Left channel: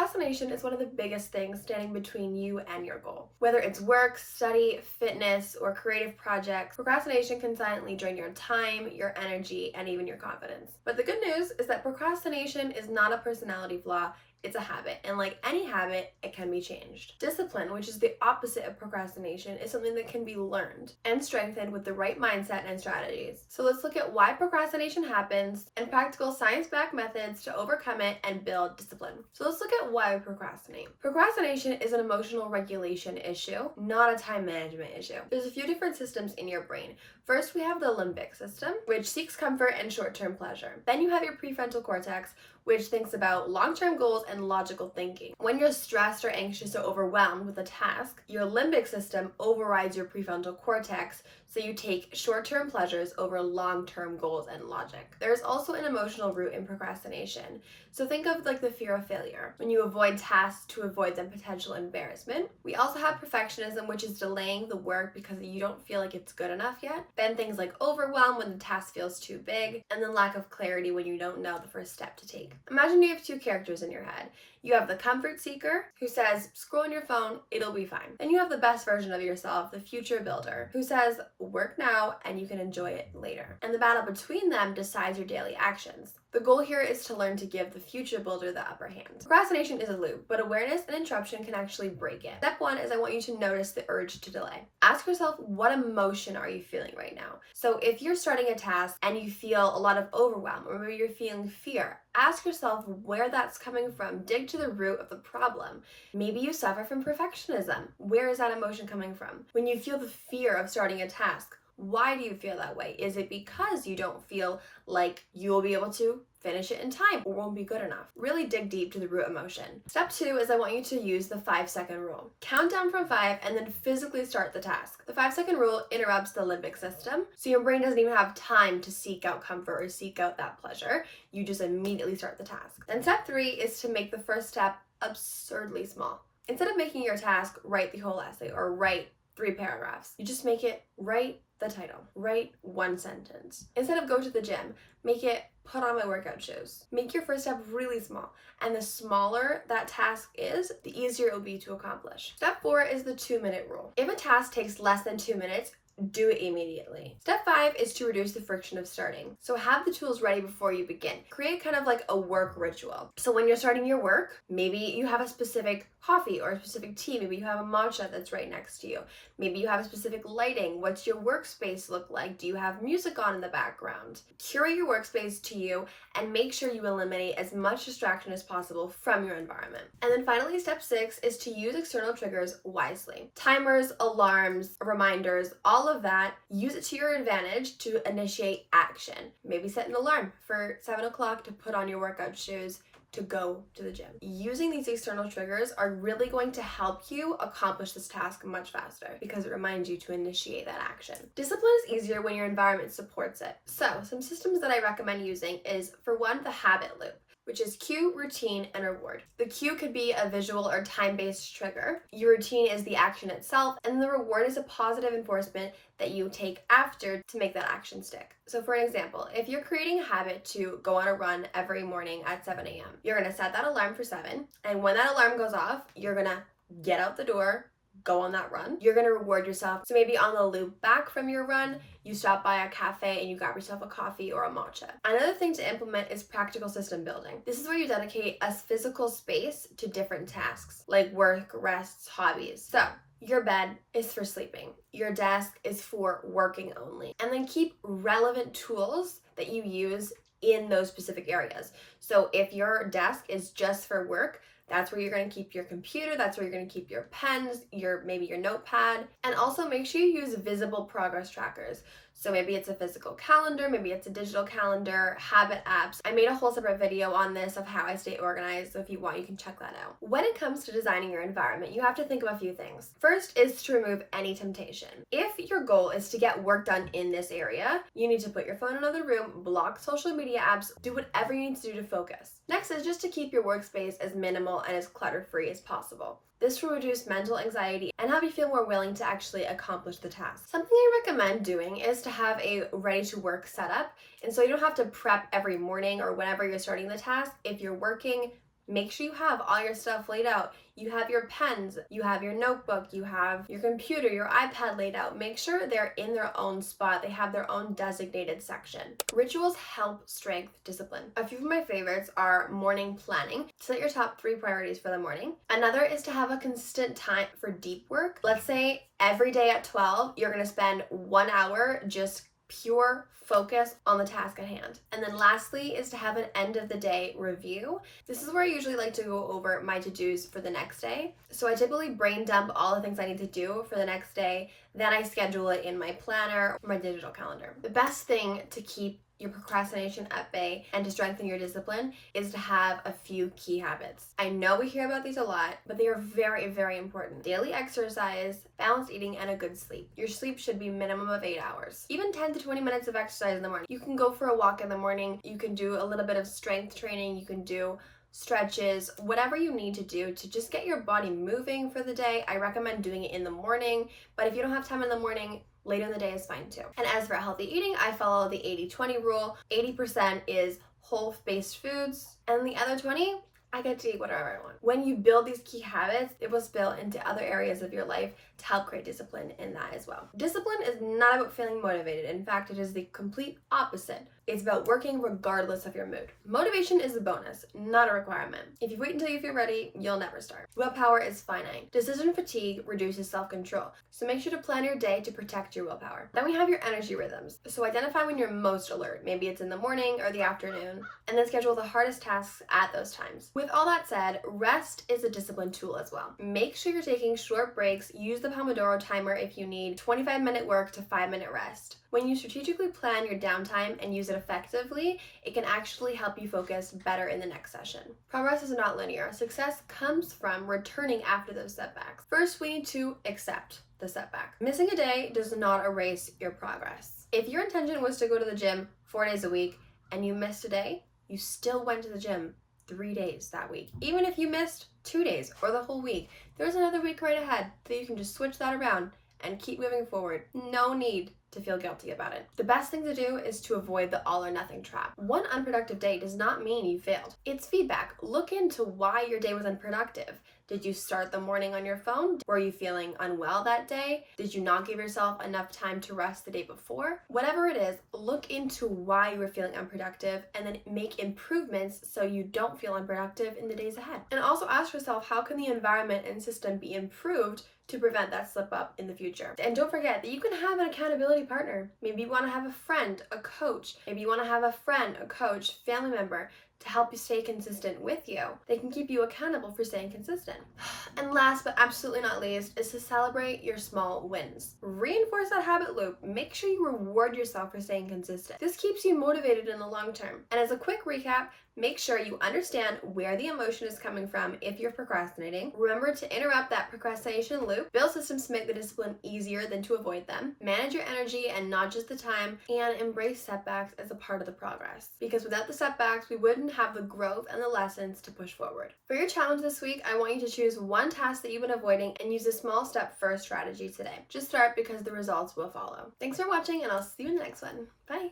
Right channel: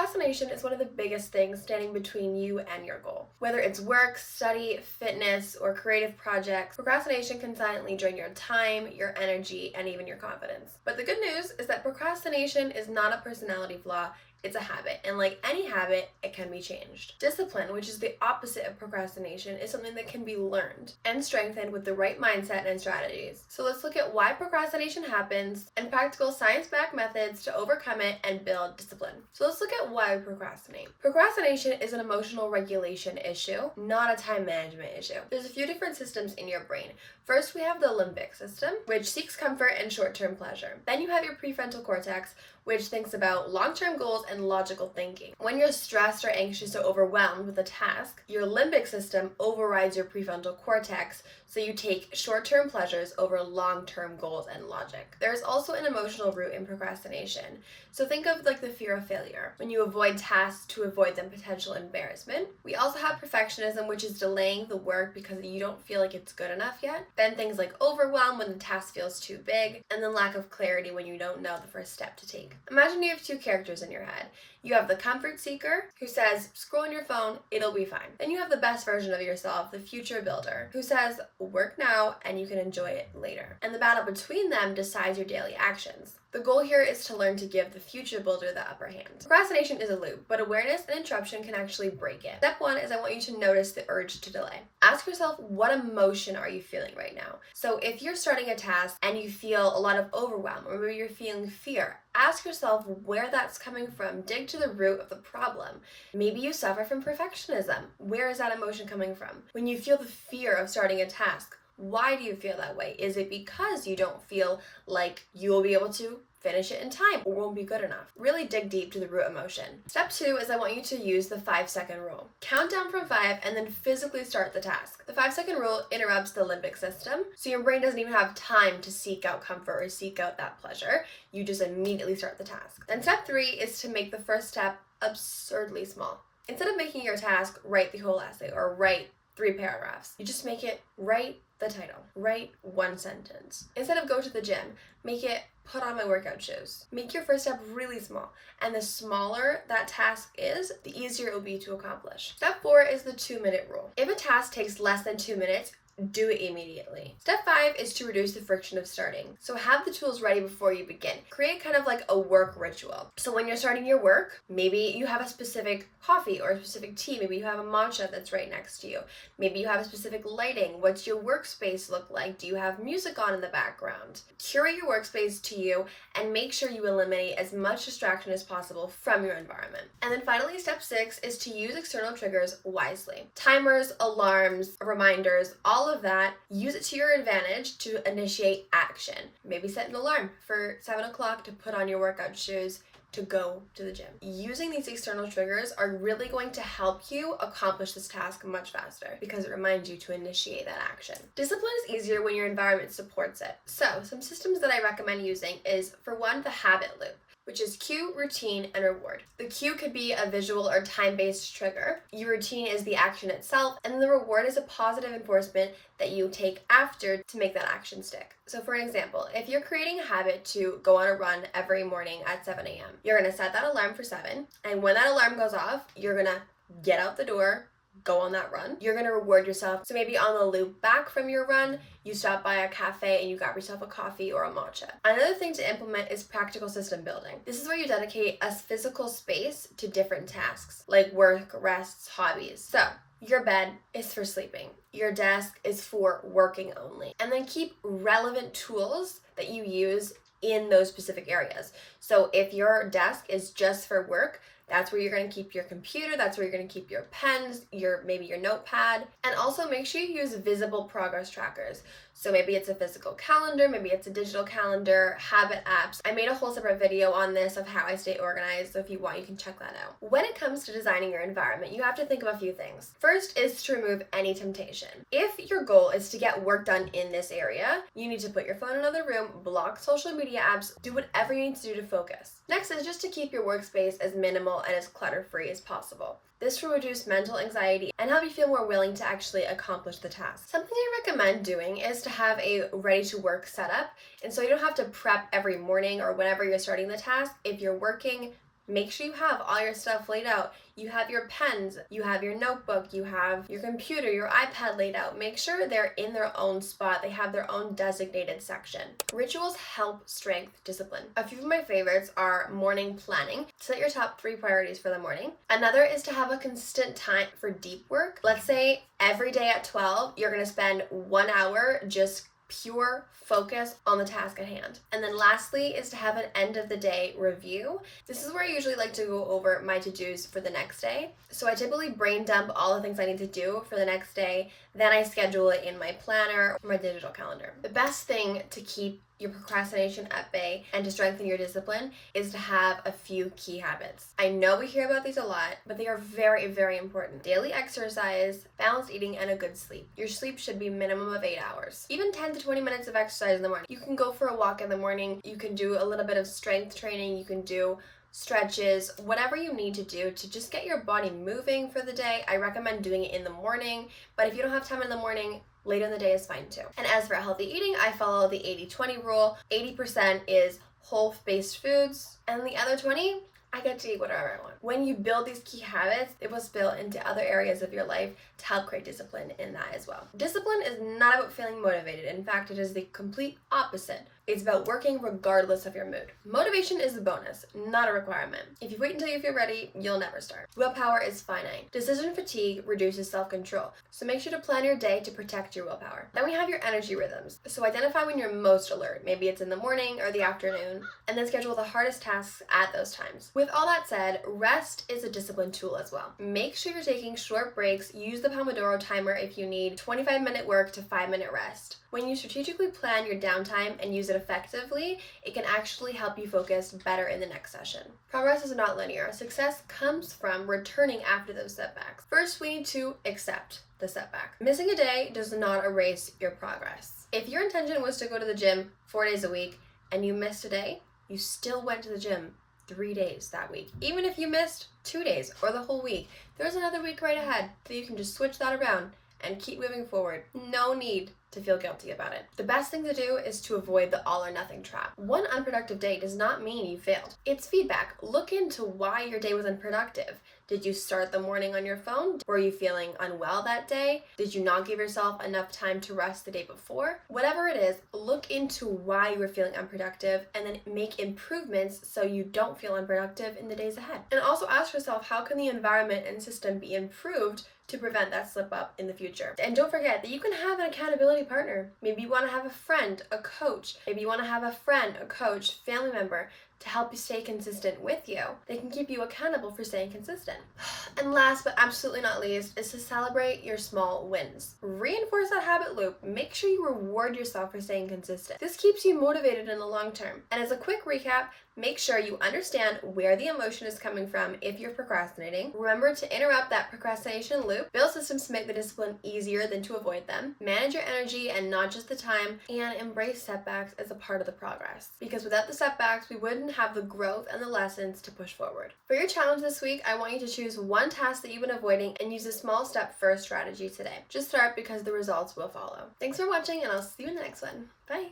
Procrastination is one of the biggest things standing between you and your goal. Whether it's work, study, fitness, or creative projects, procrastination can silently drain your time, your energy, and even your confidence. But the good news is that procrastination is not a personality flaw. It's a habit, and like any habit, it can be changed. Discipline, which is the opposite of procrastination, is something that can be learned and strengthened with the right mindset and strategies. So let's look at why procrastination happens and practical science-backed methods to overcome it and build discipline. So let's look at why we procrastinate. Procrastination is an emotional regulation issue, not a time management issue. There's a few different systems in your brain. First, we have the limbic system, which seeks comfort and short-term pleasure. Then you have your prefrontal cortex, which thinks about long-term goals and logical thinking. When you're stressed or anxious or overwhelmed with a task, your limbic system overrides your prefrontal cortex, so you take short-term pleasures over long-term goals and logic. There's also an emotional root in procrastination. So think of like the fear of failure, when you avoid tasks to avoid some potential embarrassment. We also have perfectionism, which is delaying the work because you don't feel like it's good enough yet. Then things like overwhelm when the task feels too big, and then lack of clarity when you don't know the first step to take. Imagine you have two characters in your head. You have the comfort seeker who says, scroll on your phone, it'll be fine. Then you have the best version of yourself, the future builder, who says, work now and you can enjoy it later. And the battle between them decides your daily actions. The goal here is to learn to give the future builder the upper hand. Procrastination is a loop, but awareness and interruption can actually break it. Step one is I want you to notice the urge to delay. Ask yourself, what emotion are you feeling right now? So if you're starting a task and you feel a lot of overwhelm, or maybe you're feeling fear, ask yourself where that's coming from. Dig to the root of the problem. Maybe you suffer from perfectionism. Where is that emotion coming from? When you feel the fear of starting a task, why do you feel that way? Is it because you don't feel like you'll be able to finish it in time or won't be good enough? Really dig deep to the root emotion. Step two is I want you to use the 5-second rule. Count down from 5 and then physically start the task. The 5-second rule interrupts the limbic system, so your brain doesn't even have time to seek out comfort or seek out that pleasure. You just immediately start the task. Then step 3 is to make the first step absurdly small. Instead of making your task write the whole essay or write 3 paragraphs, you just make it write the title, write 1 sentence. Instead of go to the gym, make it put on my workout shoes. Make your first step really small, and the smaller that task is, the easier it will be to accomplish. Step 4 is the 2-minute rule. If a task takes less than 2 minutes, do it immediately. Step 5 is to reduce the friction of starting. So have the tools ready before you begin. Create kind of like a work ritual. So when you're starting your work, maybe you have a specific coffee or a specific tea. Maybe you have a matcha that's right next to you. Maybe you have a specific lighting. What's your workspace look like? Do you have music on in the background? Curate your workspace to you and make sure you eliminate as much distraction as possible from your environment. And then finally, step 6 is to use external triggers wisely. Timers, alarms, reminders, all of that, use it to your advantage to initiate action. Maybe set an alarm for 7 o'clock to put on your workout shoes to go to the gym. Using these external triggers are really going to help you accomplish this task much faster because it reminds you to initiate that action. Discipline is easier when your environment supports it. So some systems that I recommend using is, for one, the habit loop, which is cue, routine, and reward. The cue could be a visual or time-based trigger. Your routine is the action itself, and the reward is a positive enforcement that you take after to make that action stick. So for an example, if you're creating a habit to go on a run every morning at 7 a.m., you're gonna set that alarm for 7, and when that alarm goes off, you're gonna get out the door, go on that run. You're gonna reward yourself. So maybe on the loop back from your run, you stop by a cafe and you grab yourself a coffee or a matcha. Another thing to implement is practical system building. This is where you dedicate a physical space to different tasks like work, rests, hobbies. So your bed is for sleeping. Your desk is for working only. And then keep relevant tools that you use in those specific areas. So if your desk is just for work, that's where you're going to keep your computer, that's where you're going to keep your pens, maybe your notepad, and also make sure you use visible progress trackers. So maybe it's a physical calendar, maybe it's a digital calendar, habit apps. I made a whole separate video on this of how I stay organized, so if you want, you can check that out. When it comes to designing your environment, you have to think of a few things. First is to remove any temptation. If your goal is to get work done in this area, you need to put your phone in another room, block social media apps, do whatever you need to do to focus. Next is just to keep your workspace as minimal and as clutter-free as possible. This will reduce mental anxiety and help you feel more willing to actually accomplish the task. Something I recommend doing is to have a ready-to-work setup, and so you don't have to prep every morning or whenever you're starting the task. If you're working, Make sure you have all your stuff laid out. You have your pens, you have your notebook, you have your computer, your iPad laid out. Make sure they're in their own spot. They have their own designated section. Rituals help strength discipline. A few of my favorites are morning planning. Set your top 3 priorities for the morning. Another is to have a consistent time for deep work. Let's say every day at 12, you're going to spend 1 hour just pure focus on the task at hand. And then lastly is to have an end of the day review. This is where I usually like to go over my to-dos for the next day. So I typically brain dump all the things I need to do for the next day. Then I schedule it in my planner or my digital calendar. The best thing to keep your procrastination at bay and to strengthen your discipline is to have a few key habits. I know we hear about these a lot, but they are very, very important. Daily exercise, balanced eating, and a good sleep. Your sleep should be minimum of 8 hours. Even 10 to 20 minutes of exercise in the morning. You can go for a walk in the morning. You can do a little bit of strength training. You can do stretches, whatever you need to do to just get your body moving for the day. I recommend doing it in the morning, but if you don't have time in the morning, later in the day is fine too. And as for healthy eating, I follow the 80-20 rule. 80% is whole-based foods, and the other 20, I get to eat whatever I want. When you build these key habits, it will spill into other areas of your life to help create discipline in that as well. Discipline is not about feeling motivated. In fact, it is the complete opposite. It's about working regardless of your mood. Motivation is a bonus, not a requirement. If you wait until you feel ready, you'll never start. Willpower is finite. Decision fatigue reduces self-control, so make sure to plan your day to protect your willpower. Then we have your energy rhythms. So identify when you're most alert. Maybe it's in the morning or the afternoon, and then schedule the hardest tasks at those times. With all that said, rest is a discipline tool as well. Make sure you're taking short breaks. Use the Pomodoro timer if you need 25-minute work to 5-minute rest. When you strategically plan your downtime and use it effectively, it can actually help you focus better in the next session. Progress is not linear. Success comes from returning after those setbacks. First, we need to accept the setback. Missing a day does not erase your progress. If your intention was to go to the gym 4 days a week and you missed a day, you still went to the gym 3 days that week. Even if you missed 2 days or the whole week, there's another week right ahead that you can just switch that around and keep moving forward. No need to feel guilty about it. The best thing to do is to avoid the all or nothing trap. One unproductive day does not mean you failed. It's feedback. Look into why your day was unproductive. Did you start the morning on your phone? Were you feeling unwell that day? Did you not give yourself enough time to rest the day before? Whatever it is, look into why you were feeling unproductive and then make improvements so you don't feel unproductive in the days ahead. And also ask yourself, how can the environment and system be improved to prevent that slip up in the future? And don't forget that you can have an accountability partner. Maybe you want to have a friend, a coach. Maybe you want to have a friend, a coach, family member to help you stay consistent with you. They can keep you accountable for staying consistent. And last but absolutely not least is to celebrate your small wins. Reinforce that habit loop. Make sure you reward yourself for staying consistent. This keeps you motivated in the long term. And as a quick recap, make sure you understand where the emotion is coming from if you're procrastinating. Remember to interrupt that procrastination loop. Build systems to make the discipline easier than to avoid them. Manage your energy and not just the time. And embrace setbacks as a part of the progress. Because without the setbacks, we wouldn't have the growth and the lessons to push forward. For your challenge this week, I want you to choose one task that you've been avoiding and use a small step first strategy today. Just start because the results will follow. Thanks for watching, and I'll see you in the next one. Bye.